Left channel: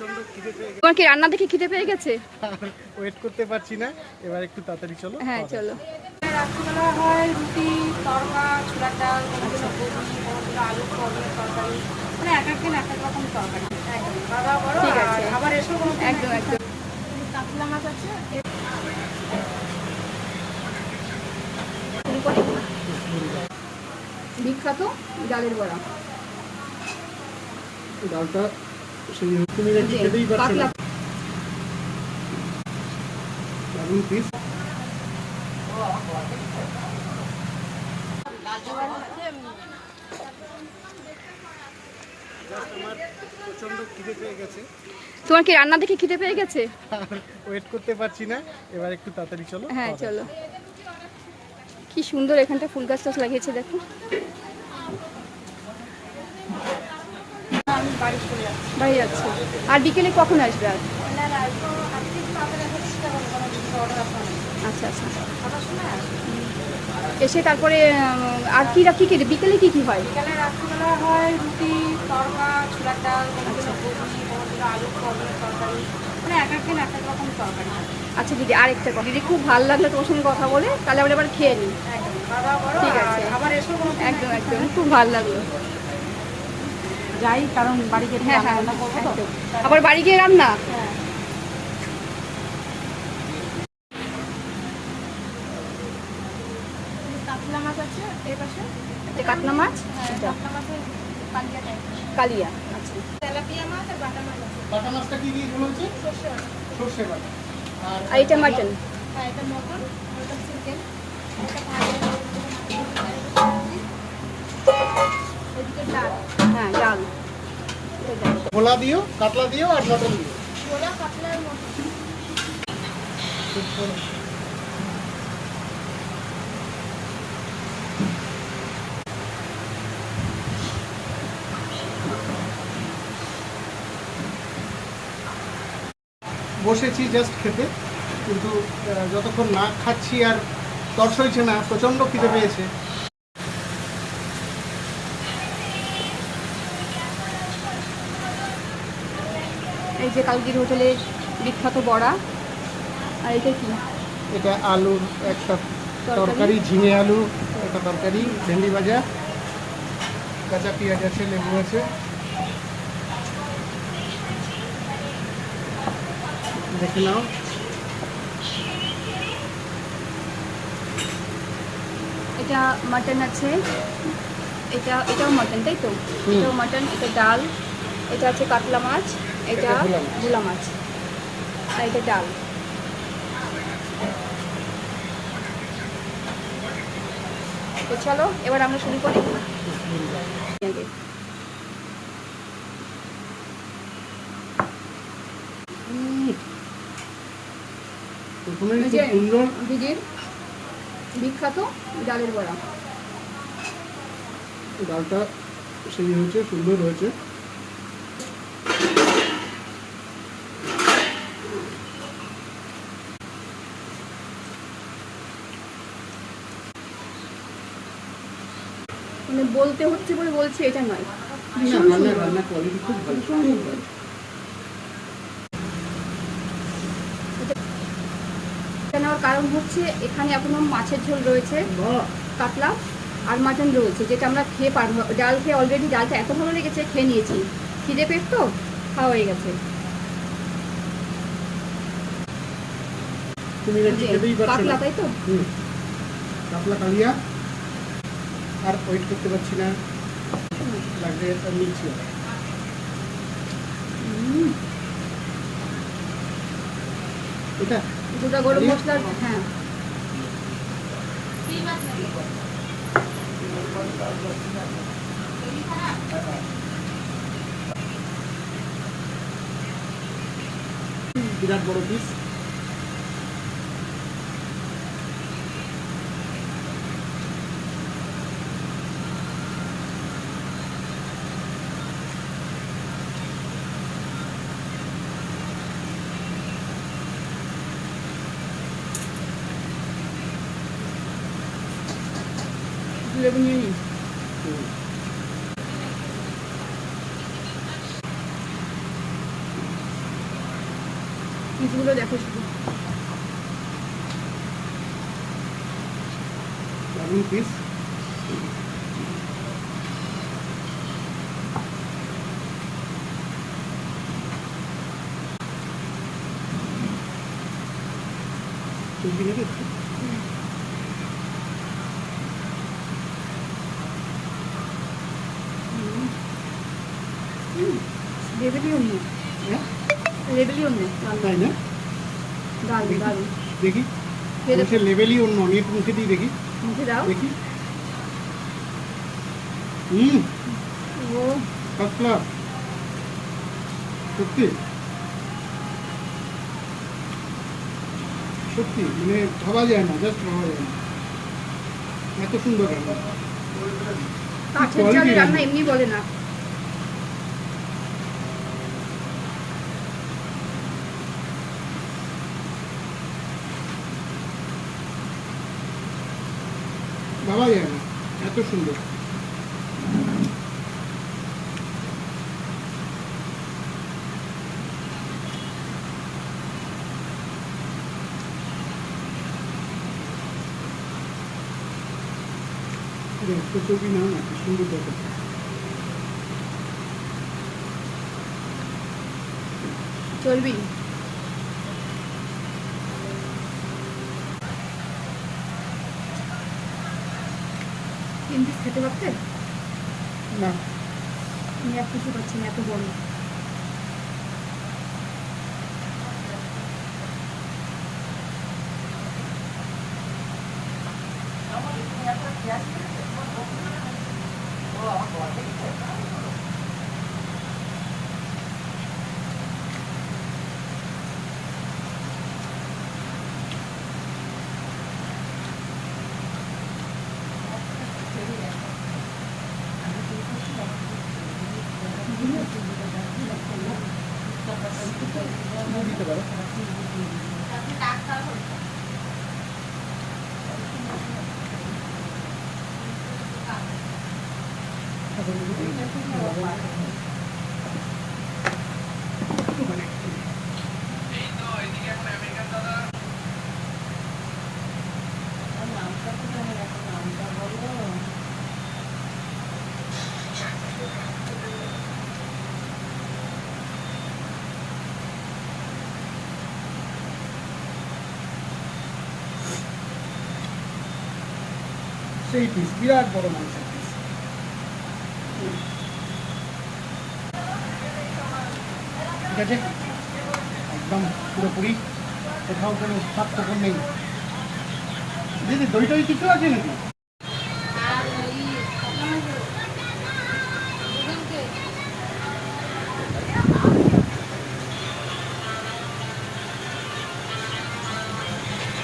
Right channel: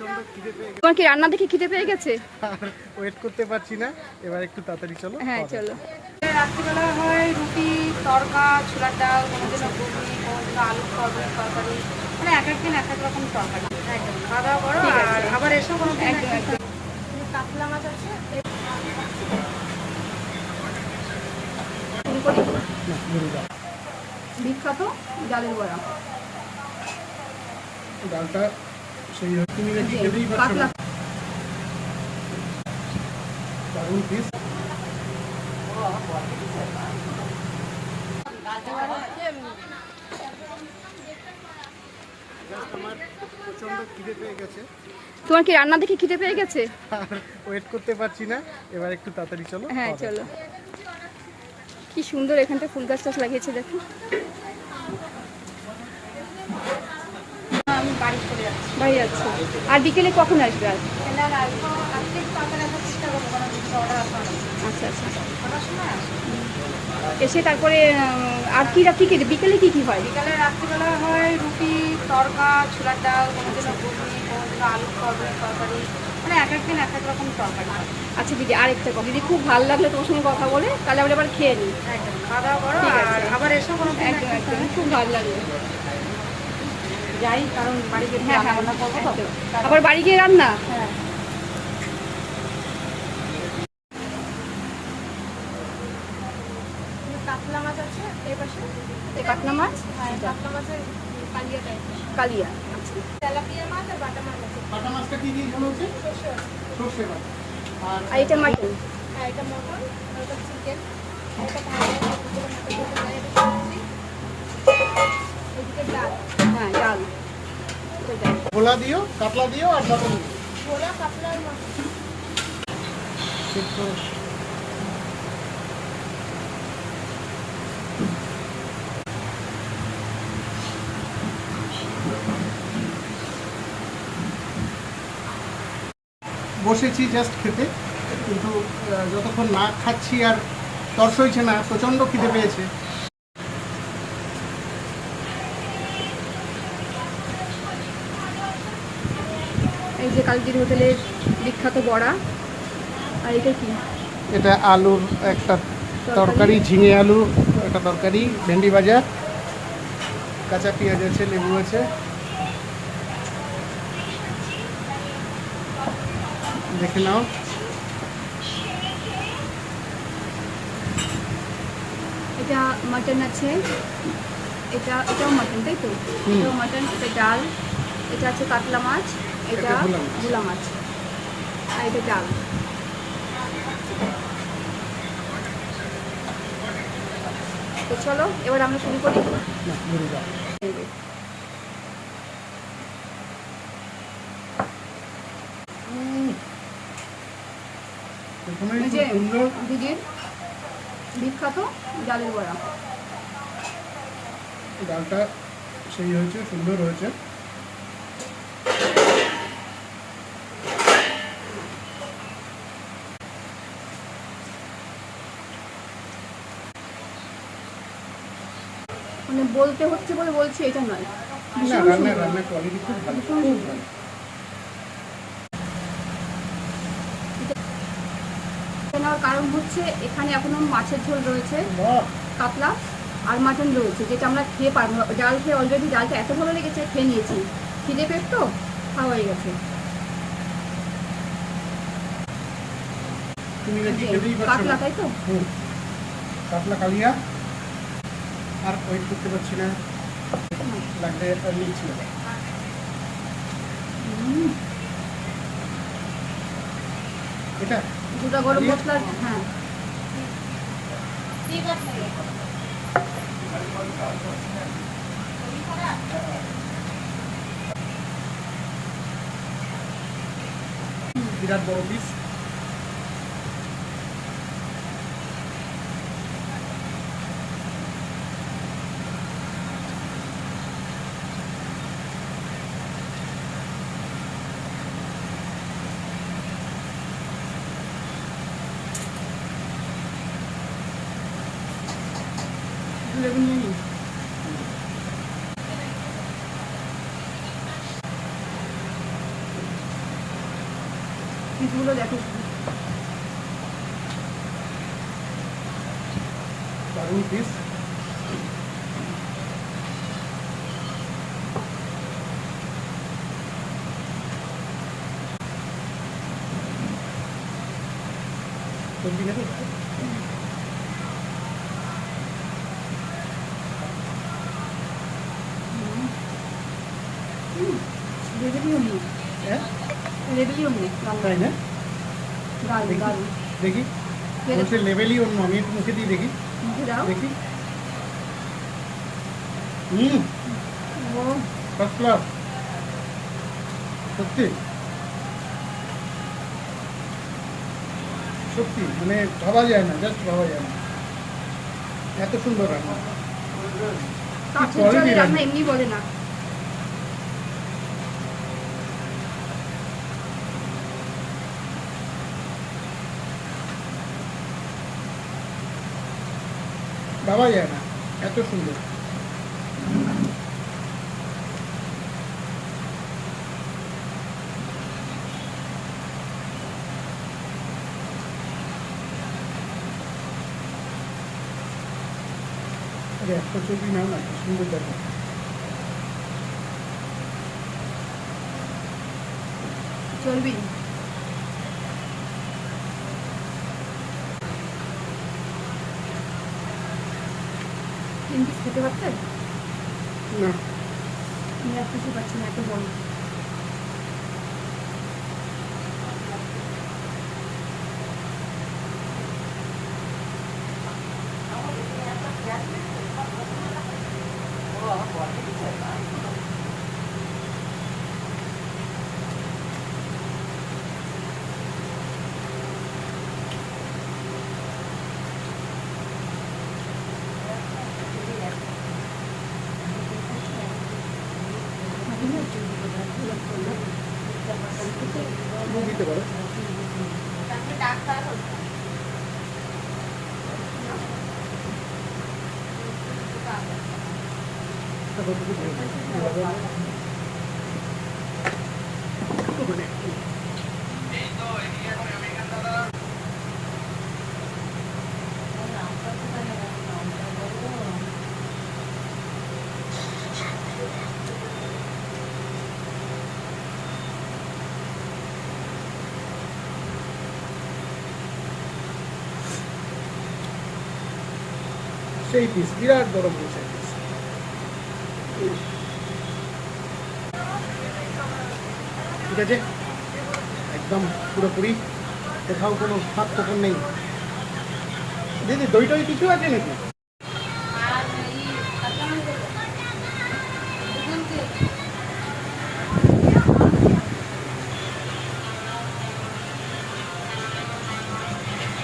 প্রচণ্ড খিদে পেয়ে তোমার কি রান্না দেখে খিদে পেয়ে গেছে? ওয়েট করতে পারছি না। এবার একটু তাড়াতাড়ি চলো হ্যাঁ। চলো। রাত্রিবেলা হয় রুটি তরকা ছোলার ডাল কোনো দিনও ঘুগনি কোনো দিনও আলুর সয়াবিনের তরকারি। মানে এক একদিন এক এক রকম তরকারি। একদম। খাওয়া দাওয়া করো আর আবার এসো কোনো একদম একদম। কাতলা মাছ আছে বিখ্যাত ডালের বড়া। ডালটা সেই তুমি নাকি খেতেই পারছ না। দারুণ পিস জাস্ট আমার প্রচণ্ড খিদে পেয়ে গেছে। তোমার কি রান্না দেখে খিদে পেয়ে গেছে? ওয়েট করতে পারছি না। এবার একটু তাড়াতাড়ি চলো হ্যাঁ চলো। কি সুন্দর এখানটা ফুল গাছ টাছ লাগিয়েছে দেখো। আমি বাড়ি চলে যাচ্ছি। বাড়ি যাচ্ছ আর বিকেলে কখন আসবে আর? আচ্ছা আচ্ছা। এসে তারপরে আর কি কি কি বিকেলে কি কি হয়? বিকেলে রাত্রিবেলা হয় রুটি তরকা ছোলার ডাল কোনো দিনও ঘুগনি কোনো দিনও আলুর সয়াবিনের তরকারি। মানে এক একদিন এক এক রকম তরকারি আচ্ছা দিদি আরেকটা কথা। দিদি খুব ভালো লাগল তোমার সঙ্গে কথা বলে। তাহলে আমরা এবার খেয়ে নিই একদম খাওয়া দাওয়া করো আর আবার এসো কোনো একদম একদম। খুব ভালো লাগল। যাই কারণ বাড়িতে একটু হ্যাঁ হ্যাঁ রান্না করব তো। আবার বাড়ি গিয়ে রান্না? হ্যাঁ। কাতলা মাছ আছে এই পাশে? কাতলা মাছ? হ্যাঁ কাতলা মাছের কালিয়া টাইপ আচ্ছা। তেলাপিয়া মাছ আর বাটা মাছ আছে। কাটা মাছটা কি দিয়ে বলেছে সর্ষে সর্ষে মাছ। আর আর এটা মাটন হ্যাঁ চিকেন ভাজা হ্যাঁ ডাল। ভোলা দিও কাতলা দিও আর মটন দিও। মটন বসেছি জাস্ট খেতে কিন্তু যতক্ষণ না খাচ্ছি আর তর্স হয়েছে না প্রচণ্ড খিদে পেয়েছে। এই যে কালকির হোটেলের বিখ্যাত বড়া আর এটা কি? এটা আলুর একটা তরকারি। ঝিঙে আলু একটা তরকারি ভেন্ডি ভাজা কাঁচা পেঁয়াজ আছে লেবু আছে। দেখে নাও। এটা মাটন আছে। এটা এটাও মাটন তাই তো। এটাও মাটন এটা ডাল এটা আছে কাতলা মাছ। এটা এটা মাছ। আর এটা ডাল। তো চলো এবার আমরা শুরু করি। দিদির বিখ্যাত ডালের বড়া। ডালটা সেই হয়েছে সুন্দর হয়েছে। মানে বলতে হচ্ছে বলে বলছি এটা নয়। ভীষণ সুন্দর। নেওয়ার কারণ হচ্ছে এখানে এখনও মাছের ঝোল রয়েছে কাতলা আর মাটন রয়েছে যেটা আমরা খেয়ে পারব ডাল খেয়ে অলরেডি ডালটা এত ভালো লেগেছে খেয়ে নিয়েছি। খিদে পেট তো খাওয়া হয়ে গেছে। পারছ কাতলা তাই তো? কাতলা কালিয়া আর ওয়েট করতে পারছি না। লাগলে আর নিচ্ছি এটা দুটো গরম মশলা হ্যাঁ। বিরাট বড় পিস লেবু নিয়ে নিই পিসগুলো দেখো শুধু দারুণ পিস সবজি খেতে লেবেলিও নিয়ে হ্যাঁ লেবেলিও নিয়ে তাই না? দারুণ দারুণ। দেখি। বলছে লেভেলই অন্য আমি একটু মুখে দিয়ে দেখি। মুখে দাও। দেখি। হুম ও। ফার্স্ট ক্লাস সত্যি? সত্যি মানে ভাবা যায় না জাস্ট ভাবা যায় না। এত সুন্দর রান্না। এমনি বলে না। ভাবা যায় না। এত সুন্দর। একটা ছবি নাও না সুন্দর দেখা। চলবি? তিন পিস খেতে পারতে? না। আমি এক কিছু পাচ্ছি না এত বড় সেই পিস বিরাট বড় মাংসের পিস আছে। একদম পুরোপুরি। কোথাও কোনো ফোকর নেই। দিদি দই টই কিছু আছে নাকি?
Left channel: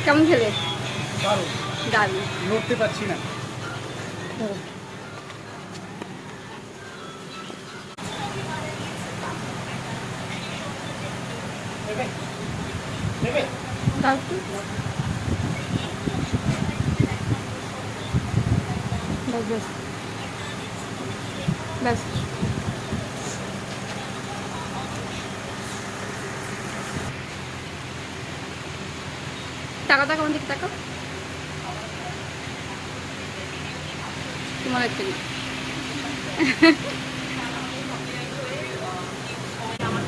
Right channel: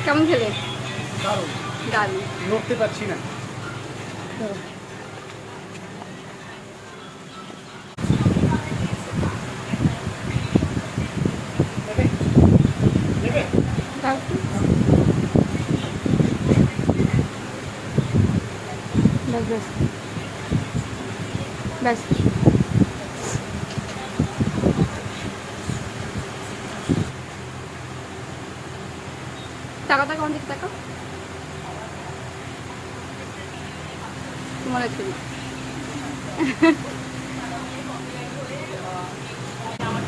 কেমন খেলে? দারুণ। দারুণ। নড়তে পারছি না নেবে? নেবে? দাও একটু ব্যাস ব্যাস টাকা টাকা আমার দিকে টাকা তোমার একটা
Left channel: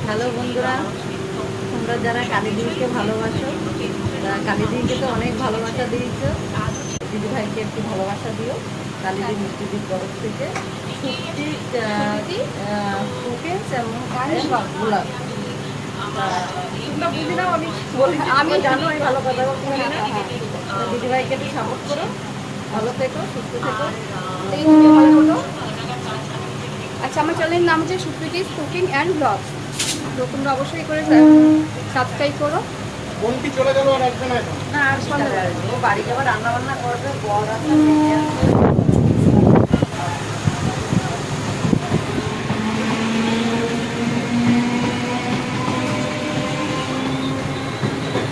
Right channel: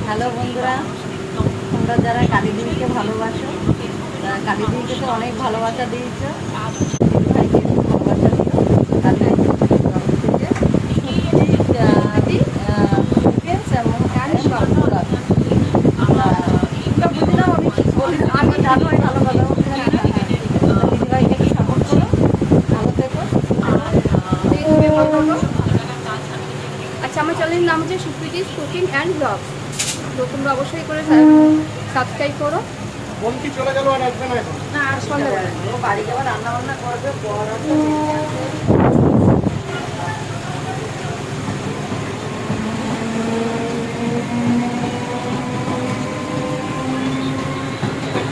হ্যালো বন্ধুরা। তোমরা যারা কালী দিদিকে ভালোবাসো তারা কালী দিদিকে তো অনেক ভালোবাসা দিয়েছ ভাইকে ভালোবাসা দিও। আমি জানো ভালো কথা বলতে দিদি ভাইকে সাপোর্ট করো। ভালো থেকো আচ্ছা আমার চ্যানেলের নাম হচ্ছে সুপ্রিটিস কুকিং অ্যান্ড ব্লগস। তো তোমরা অবশ্যই করে সাবস্ক্রাইব করো। বোন চলে গেল আর আসবে না এখন? না আর ও বাড়ি যাওয়ার রান্না বান্না করবে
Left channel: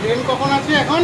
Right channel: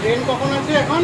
ট্রেন কখন আছে এখন?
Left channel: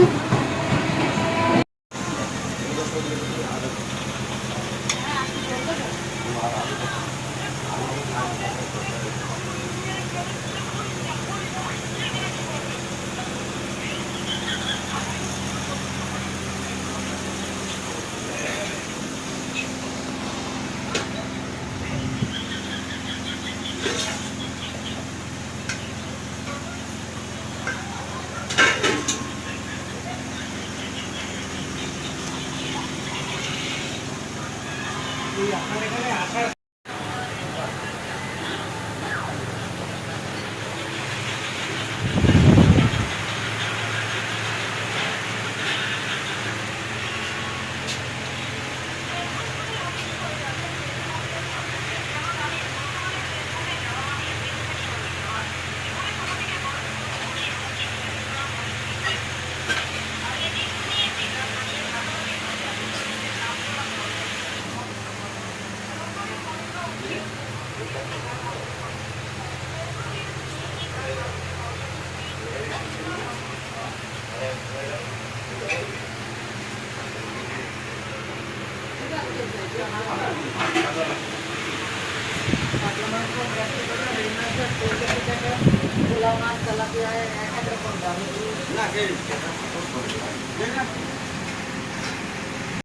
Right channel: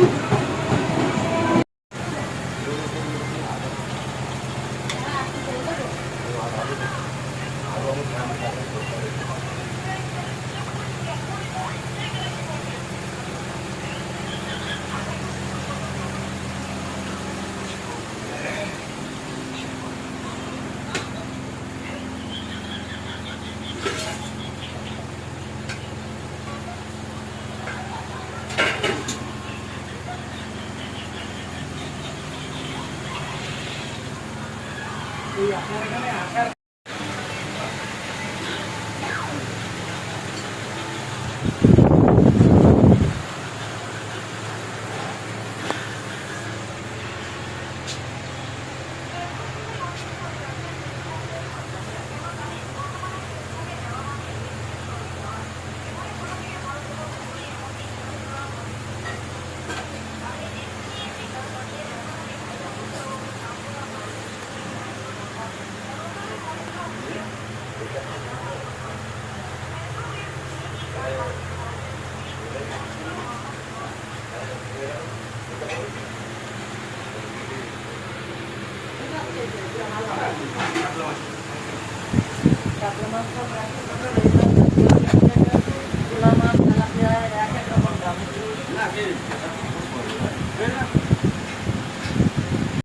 এই আপনার এখানে আসার